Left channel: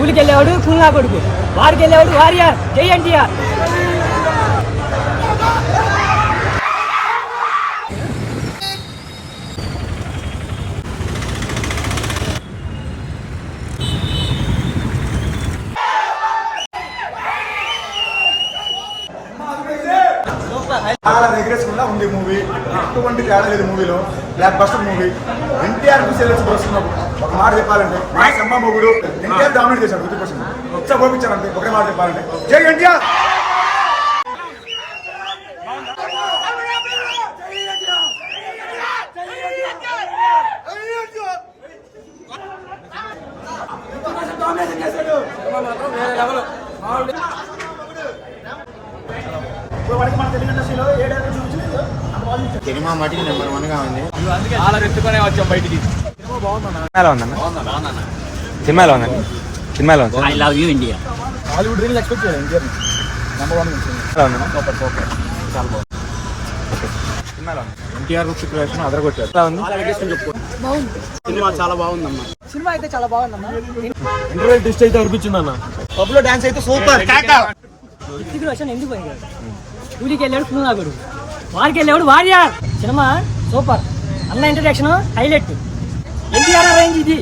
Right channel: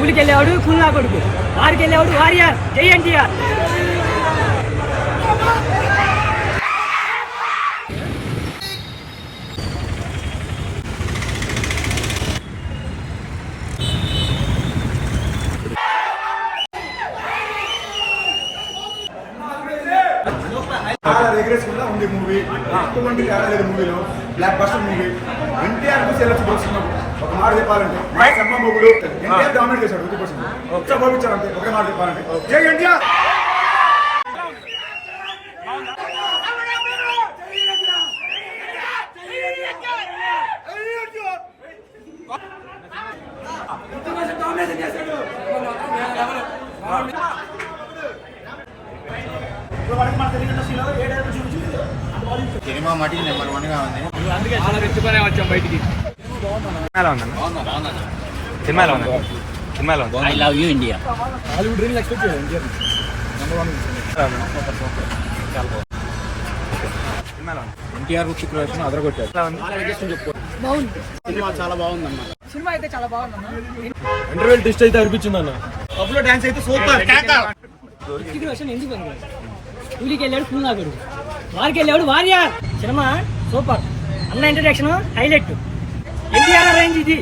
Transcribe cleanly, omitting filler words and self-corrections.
కూలికి వెళ్ళేవాడు కూలి నా కొడుకు, వారికి వెళ్ళేవాడు వారియర్. జై ఎన్టీఆర్. చాలా రిగ్రెస్ఫుల్గా ఉంది మూవీ. ఎటువంటి తేడా లేదు మూవీలో. Block buster movie. NTR select చేస్తున్నారు. ఒక మాట చెప్పాలంటే మా సమ్మ మొగుడు ఎన్టీఆర్ డామినేట్ చేశాడు 50%. ఒకసారి పంపించాలంటే ఒకే మాట చెప్పాలంటే జై ఎన్టీఆర్. సినిమా మటుకు నెంబర్ 1 గా ఉంది. అందుకే చాలా ఎత్తుకునే వచ్చాం బయటికి. సినిమాలో ఉంది. I love you India. Hollywood reel expect చేయాలి ఎన్టీఆర్ నెంబర్ 1 సూపర్ చాలా బాగుంది. ఎన్టీఆర్ రుచిక్రేషన్ అదరగొట్టారు. బాగుంది సినిమా చాలా బాగుందమ్మా. సినిమా అయితే చాలా బాగుందమ్మా. ఇంటర్వెల్ టెస్ట్ అయితే అనిపించింది అన్న. పబ్లో డాన్స్ అయితే సూపర్. ఎందుకు పనికిరాదు. కూలికి వెళ్ళాడు కూలి నా కొడుకు, వారికి వెళ్ళేవాడు వారియర్. Cinema super. అన్న ఇంట్రడక్షన్ హైలైట్. ఎన్టీఆర్ రేంజ్ ఇది.